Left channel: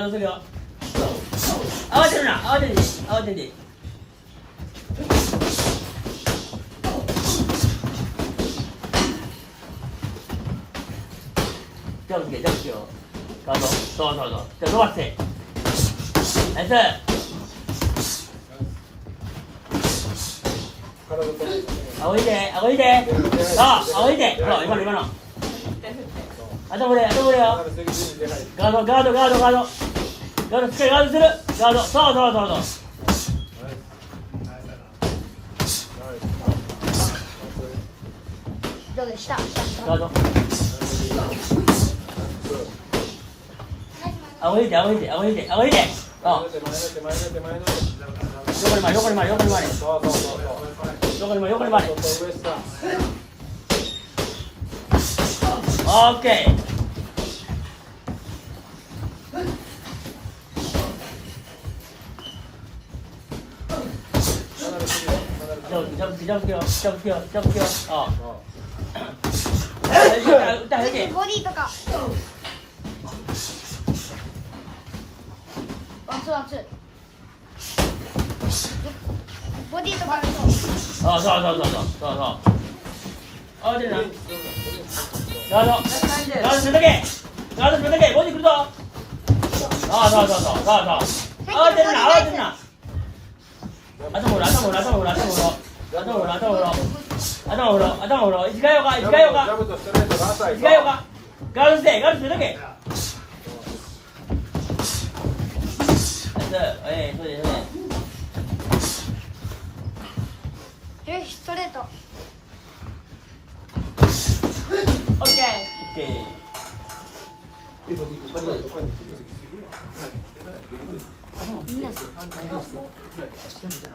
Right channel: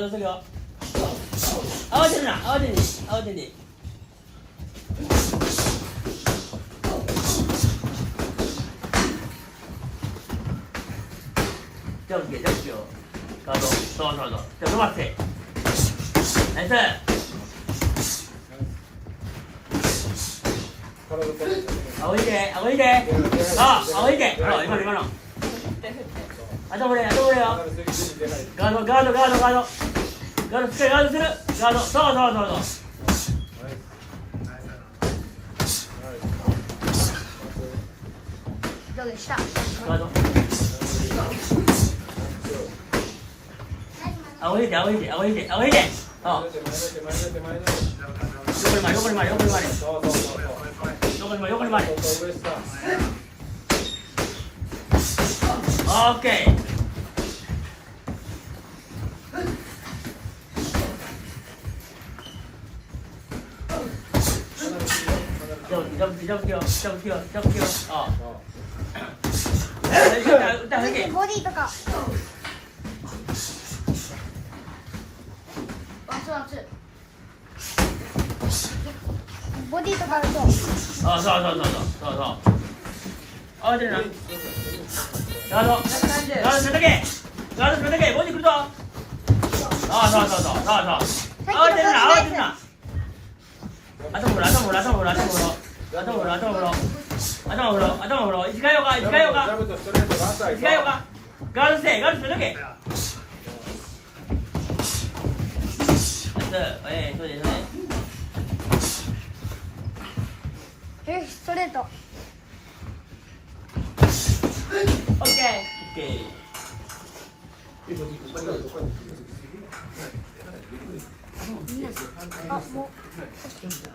ガードするよ。慌てるな、慌てんで、慌てんで。ジャンプジャンプよ。ガード、そうそうそう。じゃあ伸ばして。ナイス。仰いで、仰いで。そう、仰いで。ほら、今の、今の。頭俺、頭俺よ。ガード、ガード、ガード、ガード。ガード、しっかりガードする。ガード、そうそうそうそう。どうでした？ガード。仰いで、仰いで、仰いで、仰いで。あ。横に回れ、横に回れ、横に回れ。そうそうそうそう。横に回れ、横に回れ。ちょっと上下。オッケー。ジャンプ、ジャンプ、ジャンプ、ジャンプ、ジャンプ、ジャンプ、ジャンプ。ああ。歌だけ。ボディとか。ワンツーワンツー。ボディとか。あ、そうそうそうそうそう。あ、出るな。ガード。ガードするだけ。ガードするだけ。ボディ来るぞ。あ、そうそうそうそうそう。慌てるな、慌てるな。頭振ろう、頭振ろう、頭振ろう、頭振ろう。頭振ろう、頭振ろう。頭振ろう、頭振ろう。一回よか、一回よか。ジャブとストレート何歳一回よか。ガードして、ガードするだけ。そうですね。ストレート。オッケー。オッケー。